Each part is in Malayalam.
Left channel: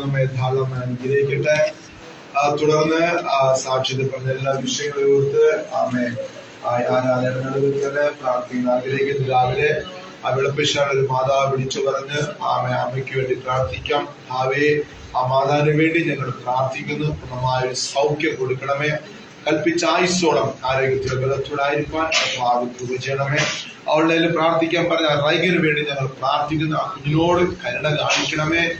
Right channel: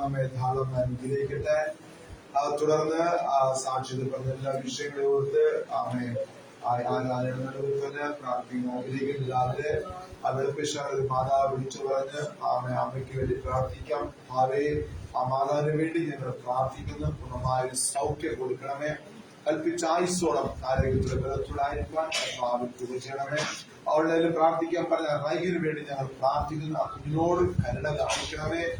നമ്മെ ധാരാളം അനുഗ്രഹിക്കട്ടെ. തുടർന്ന് സാക്ഷ്യത പറഞ്ഞ എല്ലാ വിഷയങ്ങളെ ഓർത്ത് ആമേ ആരാധന നടുവിൽ പ്രാർത്ഥിക്കുന്ന ആഗ്രഹിക്കുന്ന രാവിലെ ആ വെളുപ്പിശാൽ ഒരു മാതാവ് വിളിച്ചു പറഞ്ഞ് അമ്മയ്ക്ക് വേണ്ടി പ്രാർത്ഥിക്കാം. ആ മാതാവിന് വേണ്ടി ഞങ്ങൾ പ്രാർത്ഥിക്കുന്നു. പൂർണ്ണമായ ഒരു സൗഖ്യം കൊടുക്കണമേ. കൽപ്പിച്ച ആയുസ്സോളം ആരോഗ്യത്തിലെ ബലത്തോടായിരിക്കാൻ ചെയ്യണമേ. അവളുടെ പ്രാർത്ഥിക്കാൻ പറഞ്ഞ റൈഗന് വേണ്ടി ഞങ്ങൾ പ്രാർത്ഥിക്കുന്നു. ആ കുഞ്ഞിനോട് കരുണ കാണിക്കണമേ.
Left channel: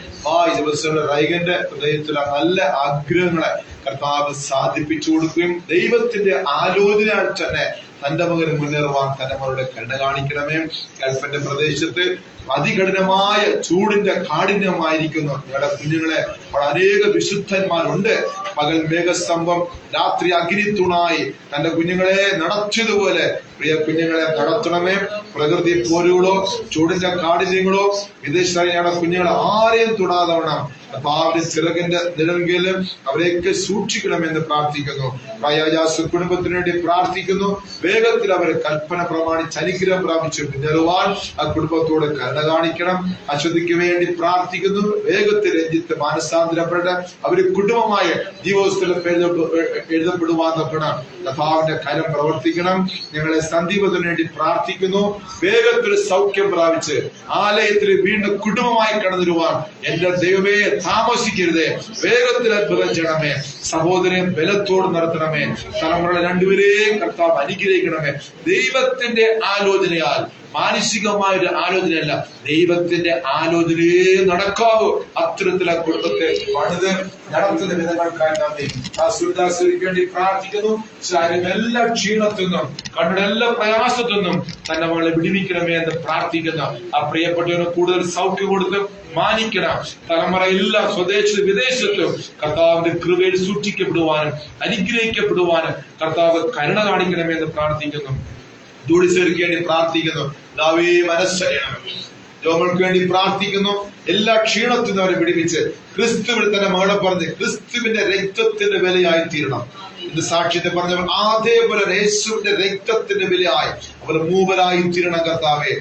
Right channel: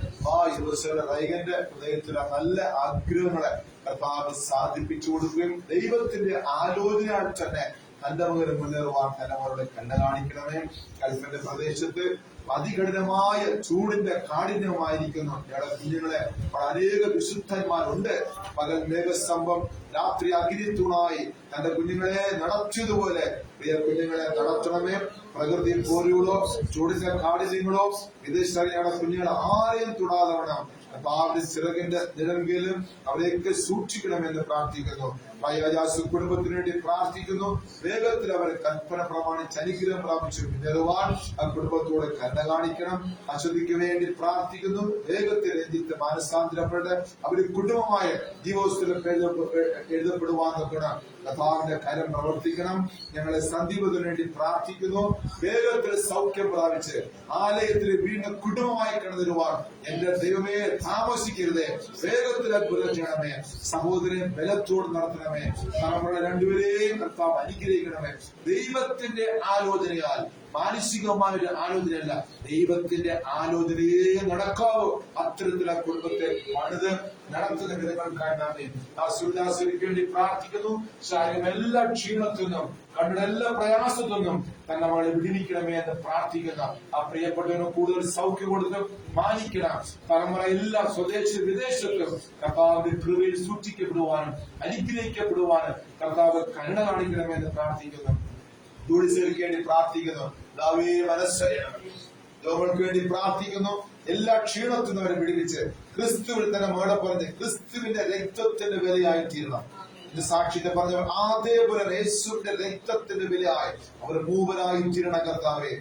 ഈ ദിവസം റൈഗന്റെ ഹൃദയത്തിലെ നല്ല ആഗ്രഹങ്ങളെ കർത്താവ് സാധിപ്പിച്ചു കൊടുക്കുകയും ദൈവത്തിന്റെ ആലോചനയാൽ തന്നെ തന്റെ മകന് മുന്നേറുവാൻ തന്റെ മകളുടെ കരുണ കാണിക്കണമേ. ഗൾഫിന്റെ പ്രദേശത്ത് അതികഠിനമായ ചൂടിന്റെ കാഠിന്യമായിരിക്കുന്നു ഞങ്ങളുടെ കുഞ്ഞുങ്ങളെ. അവിടെ അനേക വിശുദ്ധന്മാരുണ്ട്. പകൽ മേഘസ്തംഭം, രാത്രി അഗ്നിത്തൂണായി തന്റെ കുഞ്ഞുങ്ങളെ നടത്തിയതുപോലെ പ്രിയ കുഞ്ഞുങ്ങളെ നടത്തണമേ. പ്രകൃതി പോരുകളോ ചൂടിന്റെ കാഠിന്യങ്ങളോ വിദേശ കുഞ്ഞുങ്ങളെ ആരെയും തൊടാതെ വേണം അവരുടെ ചിറകിന്റെ നിഴൽകീഴിൽ അവരെയൊക്കെ സൂക്ഷിക്കണമെന്ന് പ്രാർത്ഥിക്കുന്നു. പ്രയാജാസ് കുടുംബത്തിന് വേണ്ടി പ്രാർത്ഥിക്കുന്നു. വേഗത്തിൽ അവരെ കൽപ്പന പ്രമാണിച്ച് അനുഗ്രഹം പ്രാപിച്ചു മുന്നേറുവാൻ ആ കുടുംബത്തോട് കരുണ കാണിക്കണം. അശ്വതിക്ക് വേണ്ടി പ്രാർത്ഥിക്കുന്നു. വേഗത്തിൽ രഞ്ജിത്ത് മാനസാന്തരപ്പെട്ട് അവര് കുടുംബമായ ജീവോത്സവത്തിൽ എഴുതപ്പെടുവാൻ നോക്കണം. കർത്താവിന്റെ കരം പ്രവർത്തിക്കണം. ഞങ്ങളെ സന്ദീപത്തിന് വേണ്ടി പ്രാർത്ഥിക്കുന്നു. വേഗത്തിൽ സൗഖ്യം പ്രാപിച്ച് ആലയത്തിൽ വീണ്ടും കുടുംബമായി കടന്നിരുവാൻ എന്റെ ദൈവമേ താമസിക്കരുതേ. വേഗത്തിൽ അത്ഭുതം ചെയ്യണമേ. സഹോദരൻ ബലത്തോട് നടത്തണമേ. തലമുറകളെ രണ്ടുപേരെയും കർത്താവ് അനുഗ്രഹിക്കണമേ. ദൈവത്തിന്റെ ആലോചനയാൽ, മാനസികമായ ഒരു ആലോചനയല്ല, ദൈവത്തിന്റെ ആലോചനയെ നടക്കാവൂ. അത്തരത്തിലെ കുടുംബത്തെ പണിത് നടത്തുന്ന വിധങ്ങൾക്കായി നന്ദി. സുരദാസുരിക്ക് വേണ്ടി പ്രാർത്ഥിക്കുന്നു. എല്ലാ ക്ഷീണത്തിൽ നിന്നും കണ്ണുടെ എല്ലാ പ്രയാസത്തിൽ നിന്നും തന്നെ മകളെ വിടിവിക്കണമേ എന്ന് പ്രാർത്ഥിക്കുന്നു. ആ പ്രിയപ്പെട്ടവന് കൂടുതൽ സൗഖ്യം കൊടുത്ത് മാനിക്കണം. തലമുറ എല്ലാ സ്വദേശത്തും വിദേശത്തും കർത്താവിന്റെ കൃപയിൽ സൂക്ഷിക്കപ്പെടുവാനും അനുഗ്രഹിക്കപ്പെടുവാനും കർത്താവ് കരുണ കാണിക്കണമെന്ന് പ്രാർത്ഥിക്കുന്നു. ജോലിസേർക്ക് വേണ്ടി പ്രാർത്ഥിക്കുന്നു. മനസ്സറിയണം. രോഗങ്ങൾക്ക് വേണ്ടി പ്രാർത്ഥിക്കുന്നു. എല്ലാ ക്ഷീണത്തിൽ നിന്ന് അവരെ പിടിപ്പിച്ച് ക്രിസ്തുവിൽ തന്നെ മകളെ പറഞ്ഞ് ക്രിസ്തുവിന്റെ രക്തത്തിന്റെ വിലയായി തീരണം. ഇത് സാക്ഷ്യത്തെ പറഞ്ഞവർ അതേപോലെ യേശുവിന്റെ രക്തത്തിന്റെ വിലയായി അവർ മൂവരായി തീരണം. കർത്താവേ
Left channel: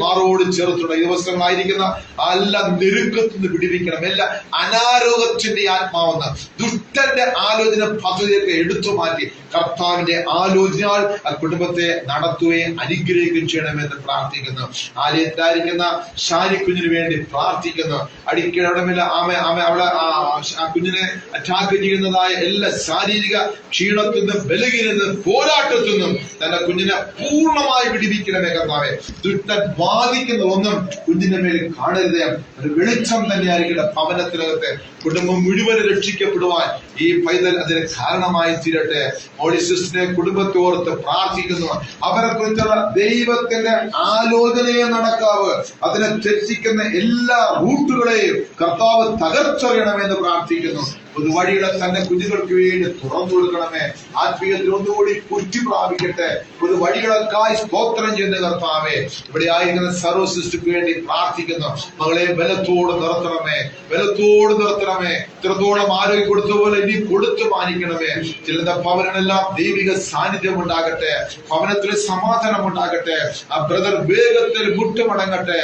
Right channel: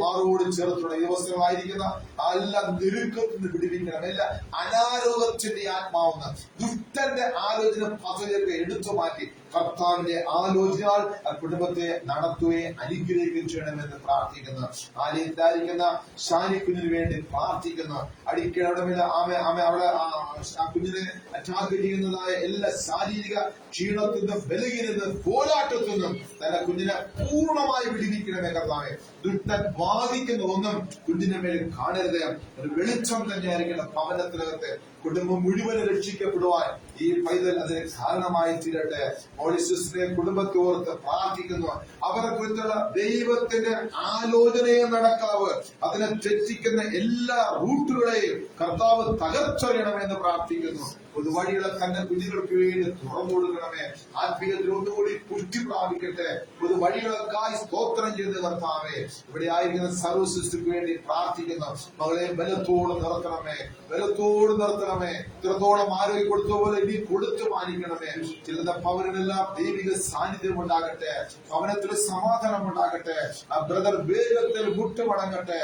മാറോട് ചേർത്തുള്ള ഈ ദിവസങ്ങളായിരിക്കുന്ന എല്ലാ നെരുക്കത്തിൽ നിന്ന് പിടിപ്പിക്കണം. എല്ലാ അനാരോഗ്യത്തിന്റെ ആത്മാവെന്ന് ദുഷ്ടന്റെ ആലോചന പദ്ധതിയൊക്കെ എടുത്തു മാറ്റി കർത്താവിന്റെ ആലോചനയാൽ ആ കുടുംബത്തെ നടത്തുകയും അനുഗ്രഹിക്കുകയും ചെയ്യണമെന്ന് പ്രാർത്ഥിക്കുന്നു. ആലയത്തിലായിരിക്കുന്ന ഷാരി കുഞ്ഞിന് വേണ്ടി പ്രാർത്ഥിക്കുന്നു. അടിക്കടമില്ല അവളെ ആ കുഞ്ഞിനെ അറ്റാക്ക് ചെയ്യുന്നതായ എല്ലാ ശാരീരിക ക്ഷീണത്തിൽ നിന്നും ബലഹീനത്തിൽ നിന്നും പോരാട്ടത്തിൽ നിന്നും തന്റെ കുഞ്ഞിനെ പൂർണ്ണമായി വിടിവിക്കണമേ. കർത്താവേ ദുഷ്ടൻ ബാധിക്കുന്ന ഒന്നും കുഞ്ഞിന്റെ മേൽ കാണരുതേ. ഒരു വെളിച്ചം തന്നെയായിരിക്കട്ടെ ഭവനത്തിനകത്തെ. കുടുംബം മുഴുവനും രക്ഷിക്കപ്പെടുവാൻ ഈ പൈതൽ അതിന് കാരണമായി തീരട്ടെ. മോളിസിസ്റ്റിനെ കുടുംബത്തോർത്ത് പ്രാർത്ഥിക്കുന്നു. അവരെ കുറിച്ചുള്ള ദൈവത്തിന്റെ ആലോചനയെ നടക്കാവ്. അതിനെ തെറ്റിക്കുന്ന എല്ലാ റൂട്ടുകളെയും കർത്താവ് തകർച്ചറിയണമെന്ന് പ്രാർത്ഥിക്കുന്നു. പുതുവഴികളെ തന്റെ കുഞ്ഞുങ്ങൾക്ക് വേണ്ടി തുറന്നു കൊടുക്കണമേ. ആത്മീയത്തിൽ ഒന്നുകൂടി പുറ്റി പ്രാപിക്കട്ടെ. പുതുവഴികളൊക്കായി സ്തോത്രം ചെയ്യുന്ന കർത്താവേ, ഇവിടെ ആയിരിക്കുന്ന സർവ്വ സൃഷ്ടിക്ക് വേണ്ടി പ്രാർത്ഥിക്കുന്നു. മകളെ ബലത്തോട് നിർത്തണമേ, ബലത്തോട് നിർത്തണമേ. ഇത്രത്തോളം ആരോഗ്യം കൊടുത്തതുപോലെ ഇനി കൊടുത്തു മാനിക്കണമേ. ചിലരുടെ ഭവനെല്ലാം ദൈവിക സാന്നിധ്യം ഉണ്ടാകട്ടെ. ഭവനത്തിൽ സമാധാനം ഉണ്ടാകട്ടെ. ആ ബ്രദർ വേഗത്തിൽ മുട്ടുമടങ്ങട്ടെ.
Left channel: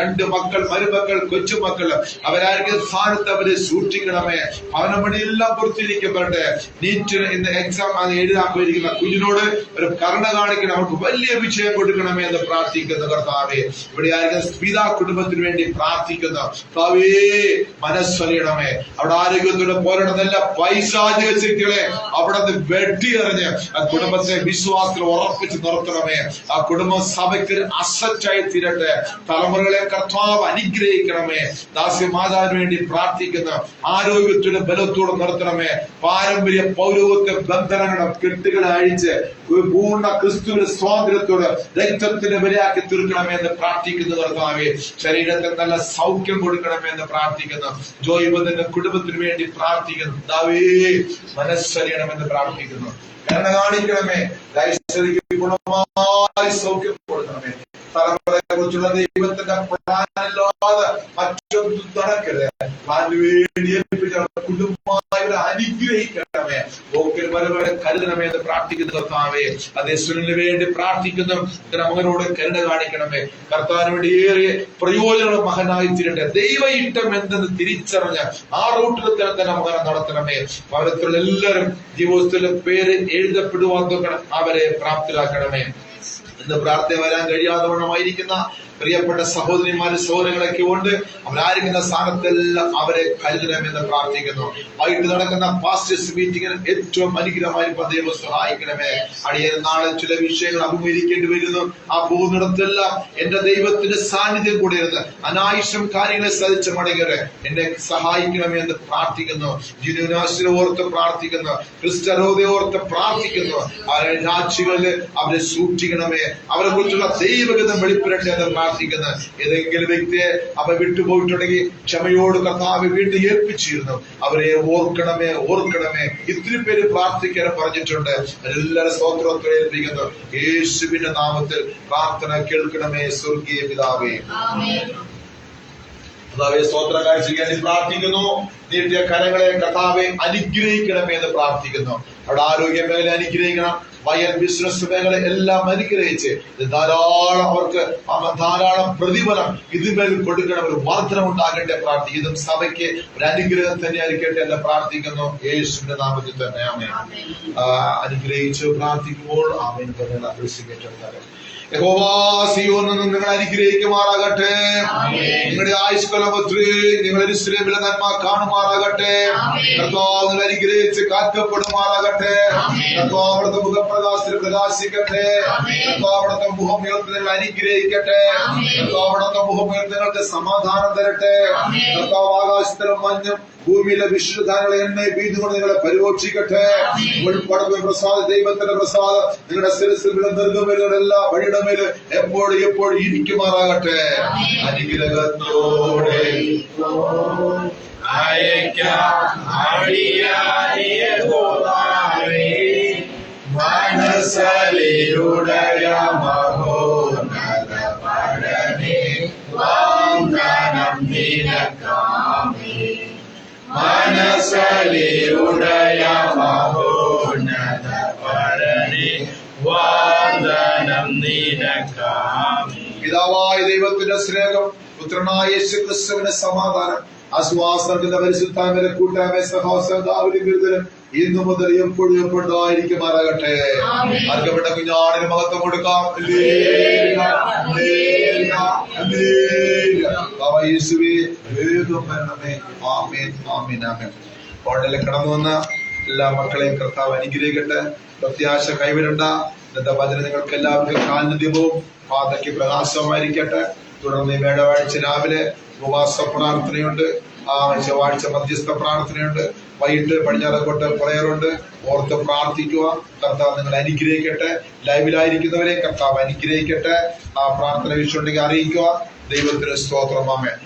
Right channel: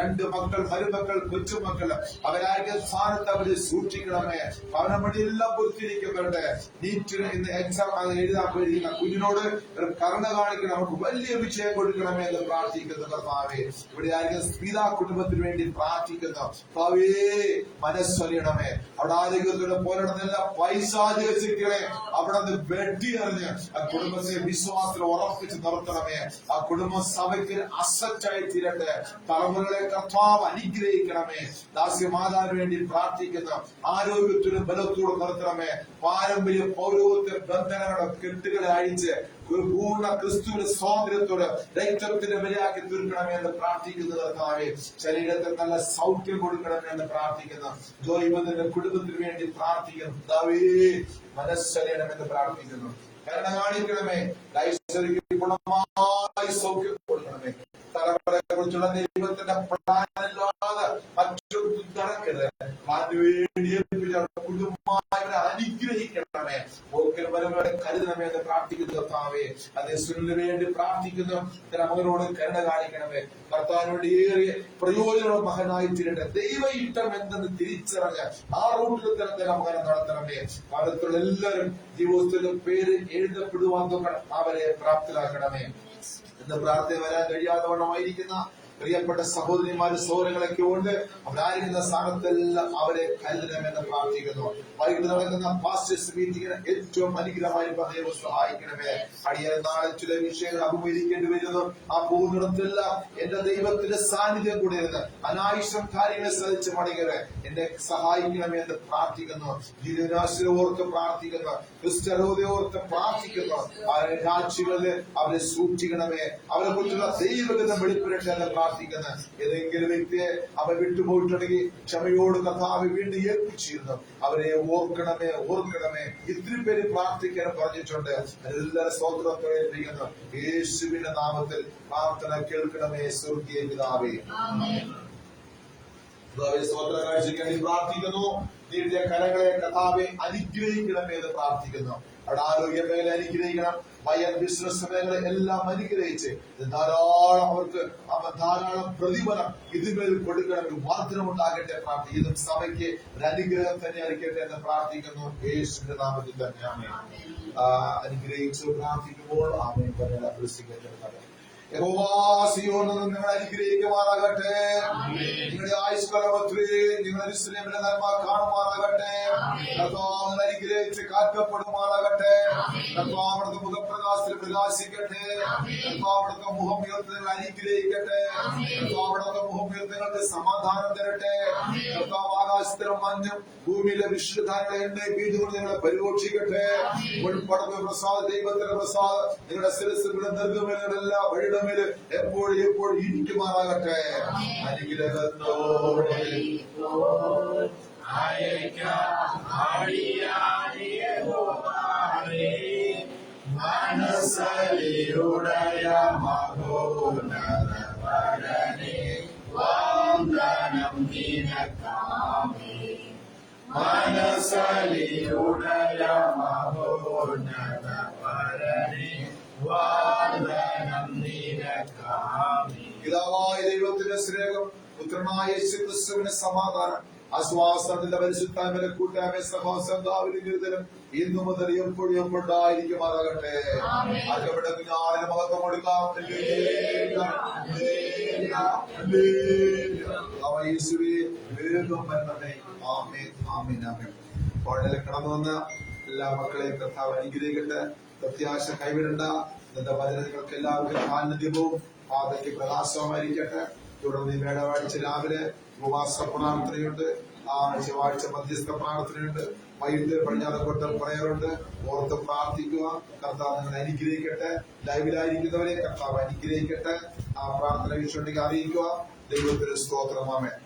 രണ്ട് മക്കൾ, മരുമക്കൾ, കൊച്ചുമക്കൾ അവരായിരിക്കും സ്ഥാനത്ത് അവരെ സൂക്ഷിക്കണമേ. ഭവനം പണിയെല്ലാം പൂർത്തീകരിക്കപ്പെടട്ടെ. നീറ്റിന് ഇന്ന് എക്സാം എഴുതാൻ പോയിരിക്കുന്ന കുഞ്ഞിനോട് ഒരു കരുണ കാണിക്കണം. അവർക്ക് വലിയ വിജയം കൊടുക്കണമേ എന്ന് പ്രാർത്ഥിക്കുന്നു. കർത്താവേ, ഇവിടെ ആയിരിക്കുന്ന സ്മിത കുടുംബത്തിന് വേണ്ടി പ്രാർത്ഥിക്കുന്നു. കർത്താവേ, മനസ്സറിയണമേ. അവിടെ ആരോഗ്യത്തോടെ പോരാടുന്ന പൈശാചിക ശക്തികളെ അവിടെ നിന്ന് വെട്ടിയെറിഞ്ഞ് ആ കുടുംബത്തെ വിശ്വാസത്തിൽ ഉറപ്പിച്ച് നിർത്തണമേ. ആ കുടുംബം സഭയ്ക്ക് അസറ്റായി തീരട്ടെ. തലമുറകളെ കർത്താവ് അനുഗ്രഹിക്കണമേ. ദാസ്യമാതാവിന് വേണ്ടി പ്രാർത്ഥിക്കുന്നു. ആരോഗ്യത്തോടെ ബലത്തോടെ നിർത്തണമേ. പാരമ്പര്യ പൗരോഹിത്യ ബന്ധനങ്ങളുടെ കെട്ടുകളെ അഴിച്ച് പൂർണ്ണ ക്രിസ്തുവിന്റെ സ്വാതന്ത്ര്യത്തോട് രക്തത്തിന്റെ വിലയാക്കി തീർക്കണമേ എന്ന് പ്രാർത്ഥിക്കുന്നു. കർത്താവേ, ശരീരത്തിൽ നല്ല സൗഖ്യം കൊടുക്കണമേ എന്ന് പ്രാർത്ഥിക്കുന്നു. ജോയിബത്തിന്റെ കുടുംബത്തിന് വേണ്ടി പ്രാർത്ഥിക്കുന്നു. മനസ്സറിയണമെന്ന് പ്രാർത്ഥിക്കുന്നു. കരുണ കാണിക്കണമേ. ഗുണമായി സൗഖ്യം കൊടുക്കണമേ. തലമുറയെ കുറിച്ചുള്ള ദൈവത്തിന്റെ പ്ലാനില്ലാതെ മറ്റൊന്നും നടക്കരുത്. പ്ലാന് വേണ്ടി കുടുംബമായവരെ അനുഗ്രഹിക്കണമേ, പോക്കൽവരവരെ കരുതണമേ എന്ന് പ്രാർത്ഥിക്കുന്ന കർത്താവേ. അതേ സുനിലിന് വേണ്ടി പ്രാർത്ഥിക്കുന്നു, മകനോട് കരുണ കാണിക്കണമേ. കർത്താവിന് വേണ്ടി ഏറിയ പ്രയോജനമുള്ള മകനായി തീരട്ടെ. ദൈവ ഇഷ്ടം എന്തെന്ന് തിരിച്ചറിഞ്ഞ ആ റൂട്ടിൽ തന്നെ മകനെ നടത്തണമേ. ഭവനത്തിലുള്ള എല്ലാവരും ജീവിതത്തിലെ പേര് എഴുതപ്പെടുവാൻ അവരെ പ്രാപ്തരാക്കണമേ. ഇന്ന് പ്രാർത്ഥന വരാൻ കഴിയാതെ വണ്ണമായിരിക്കുന്ന പ്രിയപ്പെട്ട സഹോദരിമാരും സഹോദരങ്ങളൊക്കെ ഉണ്ട്. അവരായിരിക്കുന്ന സ്ഥാനത്തെല്ലാം അവരെ കരുതണമെന്ന് പ്രാർത്ഥിക്കുന്നു. വൈകിട്ട് നടക്കുന്ന പാസ്റ്റേഴ്സ് മീറ്റിംഗിന് ഏറ്റവും അനുഗ്രഹമായി ദൈവം സഹായിക്കണമേ. അടിയൻ നാളെ ചില വിഷയങ്ങൾ അഭിമുഖീകരിക്കേണ്ടി വരുന്നു. ആ പോകുന്നിടത്തെല്ലാം എന്റെ ദൈവത്തിന്റെ സാന്നിധ്യം കൂടി ഇരുന്ന് അനാവശ്യം കാര്യങ്ങളെ സാധിച്ച് മടങ്ങരെ എന്നെ സഹായിക്കണമേ എന്ന് പ്രാർത്ഥിക്കുന്നു. ജിനുനാശിനെ ഓർത്ത് പ്രാർത്ഥിക്കുന്നു, ക്രിസ്തരോധെ ഓർത്ത് പ്രാർത്ഥിക്കുന്നു. അവരുടെ രാജ്യങ്ങളിൽ അവരെ സൂക്ഷിക്കണമേ. അവരെ കുറിച്ചുള്ള ദൈവഗതം വെളിപ്പെടട്ടെ എന്ന് പ്രാർത്ഥിക്കുന്നു. ഏതെങ്കിലും വ്യക്തിയെ അവ വിട്ടുപോയിട്ടുണ്ടെങ്കിൽ ക്ഷമയോട് കർത്താവ് വീണ്ടും ഏൽപ്പിച്ചിരുന്നു. അവരെ ഓർക്കണമേ, ഓർക്കണമേ. ഇത്തിരി പേര് പ്രാർത്ഥിക്കാൻ പറഞ്ഞിട്ടുണ്ട്. എല്ലാവരും സ്തോത്രത്തെ ഏൽപ്പിക്കുന്നു. യേശുവിന്റെ നാമത്തിൽ പ്രാർത്ഥന കേൾക്കണമേ സ്വർഗീയ പിതാവേ. കർത്താവെ സ്തോത്ര കാഴ്ചയ്ക്ക് വേണ്ടി പ്രാർത്ഥിക്കുന്നു. നീട്ടിയ കരങ്ങളെ കർത്താവെ അനുഗ്രഹിക്കണമേ എന്ന് പ്രാർത്ഥിക്കുന്നു. അവിടെ ആരോഗ്യ മേഖല അനുഗ്രഹിക്കണം, വയൽ ബിസിനസ് മേഖല എല്ലാം അനുഗ്രഹിച്ച് ധാരാളം അവർക്ക് ധാരാളം പ്രതിഫലം ഇതിന്മേൽ കൊടുക്കണം, ഒരു വർധന ഉണ്ടാകട്ടെ പ്രാർത്ഥിക്കുന്നു. സഭയ്ക്ക് ഒരു അനുഗ്രഹം തന്നെ ആയിരിക്കട്ടെ എന്ന് പ്രാർത്ഥിക്കുന്നു. യേശുവിന്റെ നാമത്തിൽ തന്നെ ആമേൻ. അനുഗ്രഹിച്ച് പ്രാർത്ഥിക്കുമ്പോൾ ആമേൻ തന്നെ അഭ്യസിക്കേണ്ടത്. യഹോവ സിയോനിൽ നിന്ന് നിങ്ങൾ അനുഗ്രഹിക്കുമാറാകട്ടെ. നിങ്ങളുടെ ആയുഷ്കാലം നിങ്ങൾ യെരൂശലേമിലെ നന്മ കാണുമാറാകട്ടെ. കർത്താവ് നിങ്ങൾ അനുഗ്രഹിച്ച് കാക്കപ്പെടുമാറാകട്ടെ. കർത്താവ് അവിടുത്തെ മുഖപ്രകാശത്തിൽ പ്രകാശിക്കട്ടെ. കർത്താവ് അവിടുത്തെ മുഖം ഉയർത്തി നിങ്ങൾ അനുഗ്രഹിക്കട്ടെ. കർത്താവ് അവിടുത്തെ മുഖം ഉയർത്തി നിങ്ങൾക്ക് സമാധാനം തരട്ടെ. കർത്താവ് ആകാശത്തിലും മഞ്ഞും ഭൂമിയിലെ വിശുദ്ധാനങ്ങളെ എണ്ണ വീതുകൊണ്ട് നിങ്ങളെ പരിപോഷിക്കട്ടെ. ഉൾപ്പെടുന്ന പ്രസാദ ദൈവത്തിന്റെ പ്രസാദം നിങ്ങളുടെ ശിരസിൽ നിർഗമയുടെ എല്ലാ വഴിയുടെ മേല് എപ്പോഴും എപ്പോഴും ഇരിക്കുമാറാകട്ടെ. അനുഗ്രഹത്തോടെ മനസ്സലിയുടയ മഹോന്നത പടനെ വാഗ്ദാനം നിനക്കാമേ. മനസ്സലിയുടയ മഹോന്നത പടനെ വാഗ്ദാനം നിനക്കാമേ. പിതാവായ ദൈവത്തിന്റെ സ്നേഹം, പുത്രനായ യേശുക്രിസ്തുവിന്റെ സമാധാനം, ആശ്വാസത്തിന്റെ പരിശുദ്ധാത്മാവിന്റെ കൂട്ടായ്മ സഹോദരനും ഗുരുതരം ഇന്നു മുതൽ എപ്പോഴും എപ്പോഴായിരിക്കുമാറാകട്ടെ. അർക്കപ്പെട്ട കുഞ്ഞാടിന് മഹത്വം കൊടുക്കാം. യേശുവേ വേഗം വരണമേ. ആമേൻ, ആമേൻ, ആമേൻ. കോട്ടയിലെ കടന്നു വന്ന എല്ലാ മക്കളെയും കർത്താവ് അനുഗ്രഹിക്കട്ടെ. പ്രത്യാശ കൈവിടണ്ട. ഇന്നത്തെ വചനം നിങ്ങൾക്ക് എല്ലാവർക്കും കാൽനദ്യവും പാതയ്ക്ക് പ്രകാശമായിരിക്കട്ടെ. തുടർന്ന് വേടവാഴ്ച രാവിലെ ഉപവാസ പ്രാർത്ഥനയുണ്ട്, ചൊവ്വാഴ്ച മധ്യസ്ഥ പ്രാർത്ഥനയുണ്ട്, വൈകിട്ട് പടിഞ്ഞാറക്കോട്ട് പ്രയറുണ്ട്. ഓർത്ത് പ്രാർത്ഥിക്കുക. കർത്താവ് നിങ്ങൾ അനുഗ്രഹിക്കട്ടെ. ലൈവിലായിരിക്കുന്നവരെ കർത്താവ് അനുഗ്രഹിക്കട്ടെ. ആ പ്രാർത്ഥന വിഷയമുണ്ടെങ്കിൽ അറിയിക്കുക. ദൈവത്തിന് സ്തോത്രം. ആമേൻ.